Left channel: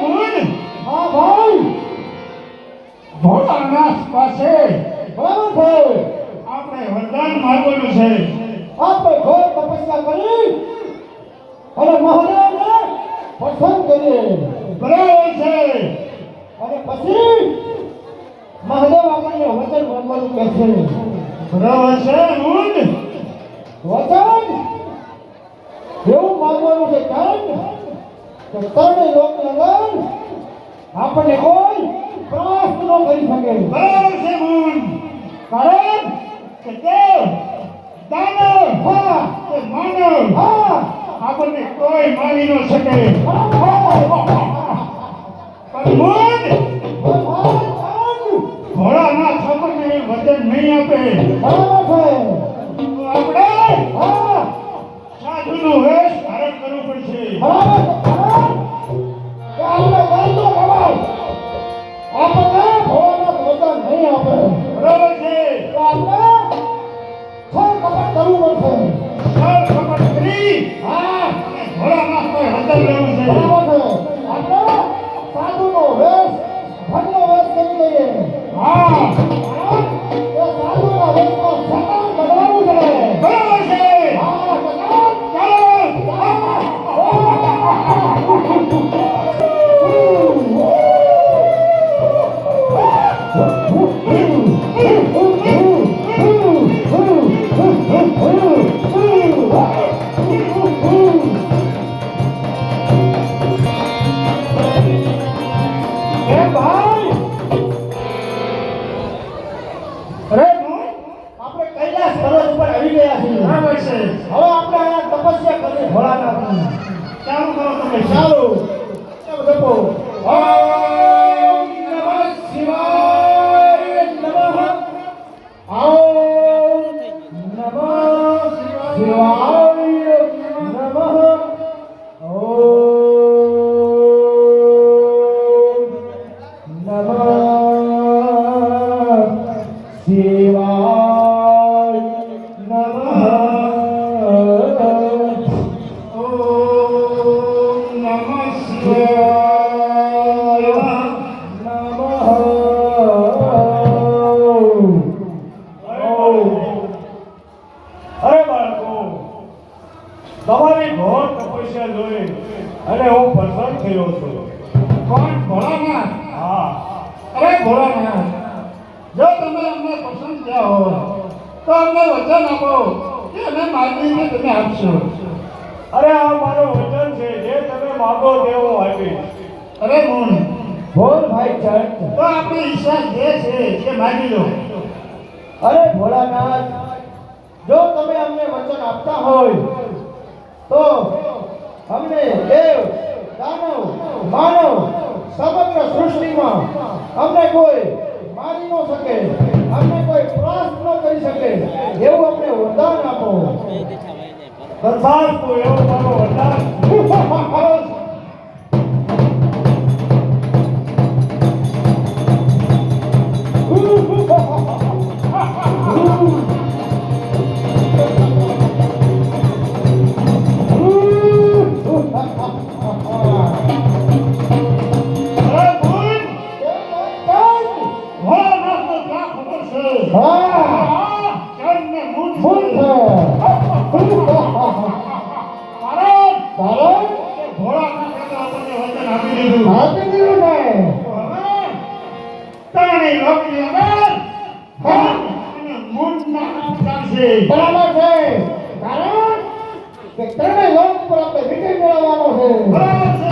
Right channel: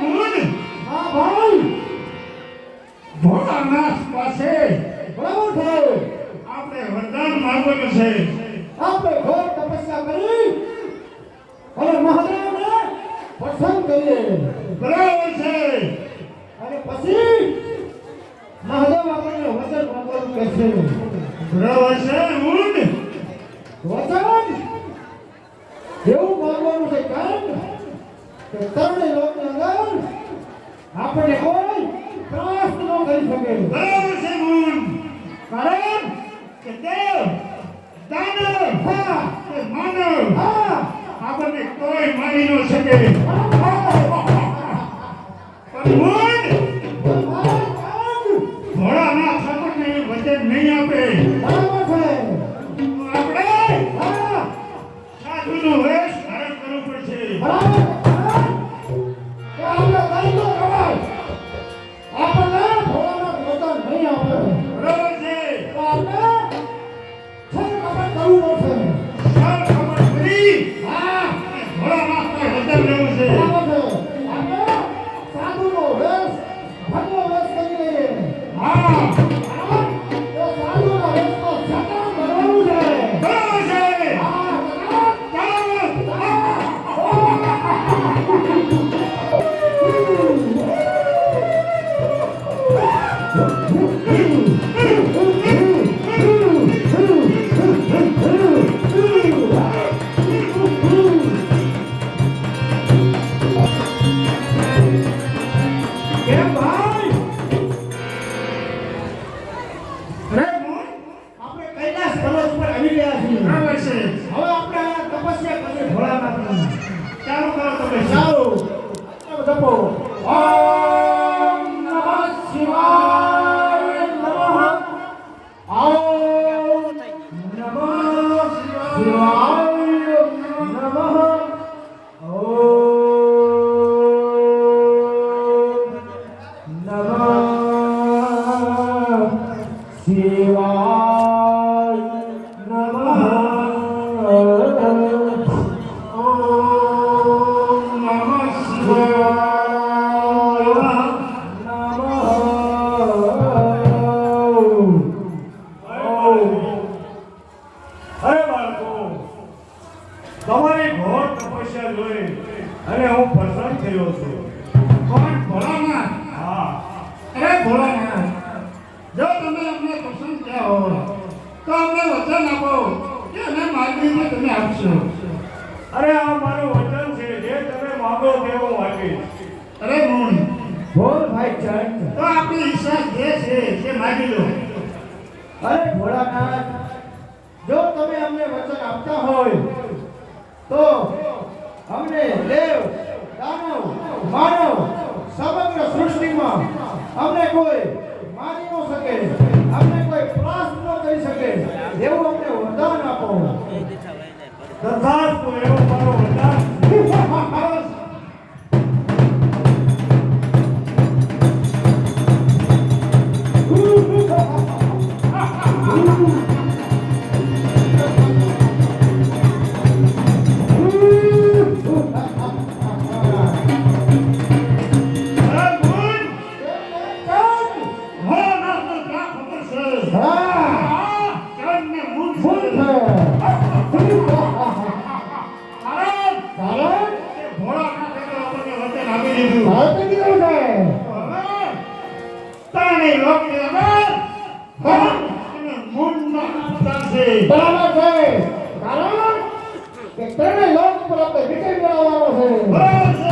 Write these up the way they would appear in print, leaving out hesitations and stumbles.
ગુણ હા ભાઈ ભોળાનાથ પાસે બરાબર છે આપણે વરદાન માંગવાનું છે. આપણે ઘોર તપસ્યા કરી અને મહાદેવને પ્રસન્ન કરીએ. બરાબર છે. અને પછી મહાદેવ આપણને વચન માંગવાનું કહેશે. બરાબર છે ગુણ વચન એવું માંગવાનું છે કે ત્રણેય લોકની અંદર આપણે કોઈ ત્રાસ ન કરી શકે. બરાબર છે ગુણ કારણ કે દેવ દાનવ હા કે માનવ હા આપણને કોઈ મારી ન શકે. પણ ગુણ ભોળાનાથ આપણને વચન નહીં આપે તો આપણે સાધુનો વેશ ધારણ કરવું પડશે. બરાબર છે. સર ખબર કરી અને ભોળાનાથ પર વચન લેવું છે. હા બરાબર છે. આપણે કૈલાસ પર્વત ઉપર આવી ગયા છીએ. બરાબર છે. હવે આપણે આ તપસ્યા કરીએ ભોળાનાથની. ચાલુ કરો તમે. ચાલો જપો. ઓમ નમઃ શિવાય નમઃ. ઓમ નમઃ શિવાય નમઃ. ઓમ નમઃ શિવાય નમઃ. ઓમ નમઃ શિવાય. અરે બાળકો, તમારી ઘોર તપસ્યા જોઈ અને હું પ્રસન્ન થયો છું. કોણ? ભોળાનાથ. હા. અરે ભોળાનાથ, જો તમે અમને પસંદ થયા હો તો અમને વચન આપો કે અમે માગીને તમે આપશો. અરે આ મારું વચન છે, જે તમે માગો તે હું આપીશ. અરે ગુણ બોલ ભાઈ ચંદ. તો આપણી ઈચ્છા જે છે તે માગી લો. અરે ભોળાનાથ, જો તમે અમને વચન આપતા હોય તો અમને દેવ દાનવ માનવ સમગ્ર સૃષ્ટિમાં અમને કોઈ મારી ન શકે, અમને કોઈ ત્રાસ ન કરી શકે એવું અમને વરદાન આપો. તથાસ્તુ, એવું મારું વરદાન. અરે ગુણ, ભોળાનાથને ક્યાં ખબર છે? હા ચંદને ગુણ ભૂલ છે. છે. કારણ કારણ કે ભોળાનાથે તો આપણને વચન આપી દીધું. આપી દીધું છે. હવે ત્રણેય લોકની અંદર ધન અને ગુણના ચાલશે. બરાબર છે. કારણ કે ત્રણેય લોક પર આપણે વિજય મેળવવાનો છે. બરાબર છે.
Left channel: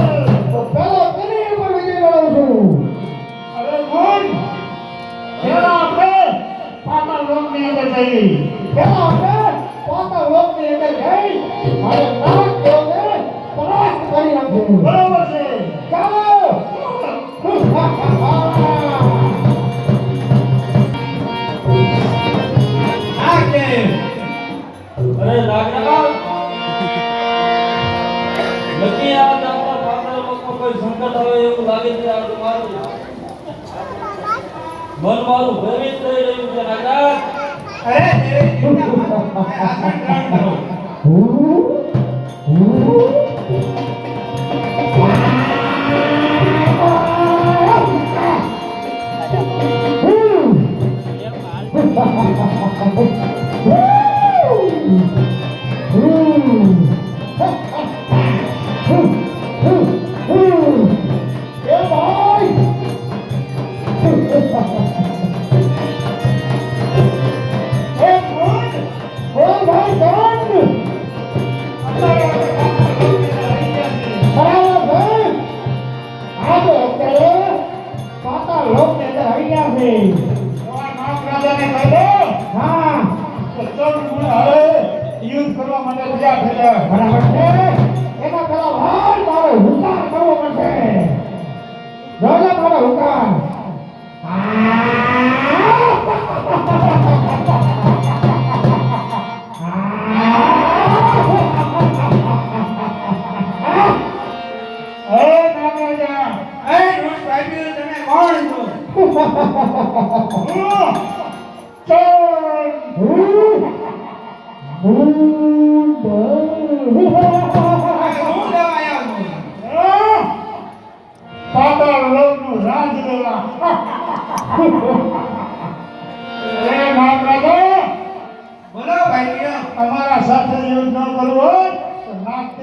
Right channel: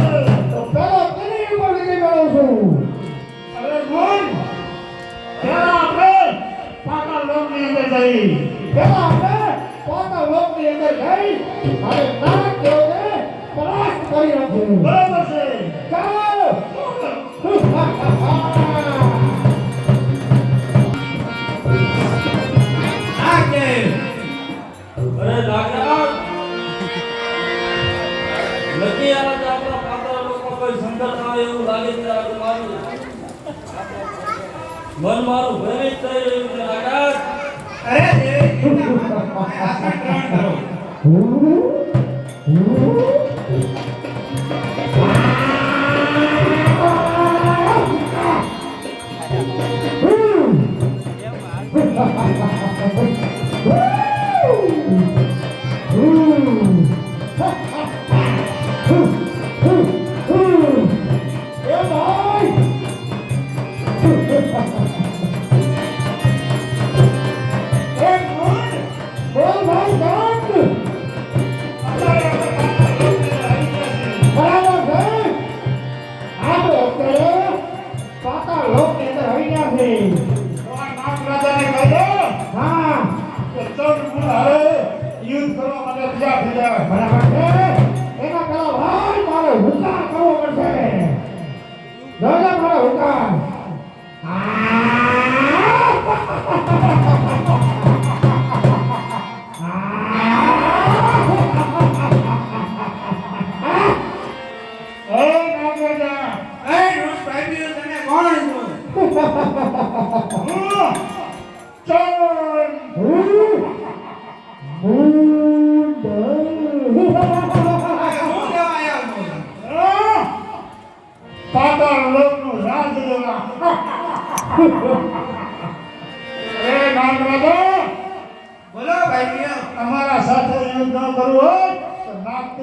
તો પહેલા તેની ઉપર વિજય મેળવશું. અરે ગુણ, પહેલા આપણે પાતાળ લોકની અંદર જઈએ. પહેલા આપણે પાતાળ લોકની અંદર જઈ અને નાગ દેવને પરાસ્ત કરી નાખીશું. બરાબર છે. ચાલો. આ કે અરે લાગણા નક્કી આજ આપણા પાત્ર લોકો કોઈ સંકટ આવે એવું લાગે છે. આ મારું મન મારું ભયભીત થઈ રહ્યું છે. લાગણા અરે આસન ગ્રહણ કરો. Ooh. મારા હુકા તમારા સાથે એવું ન કરવું હોય તો નાક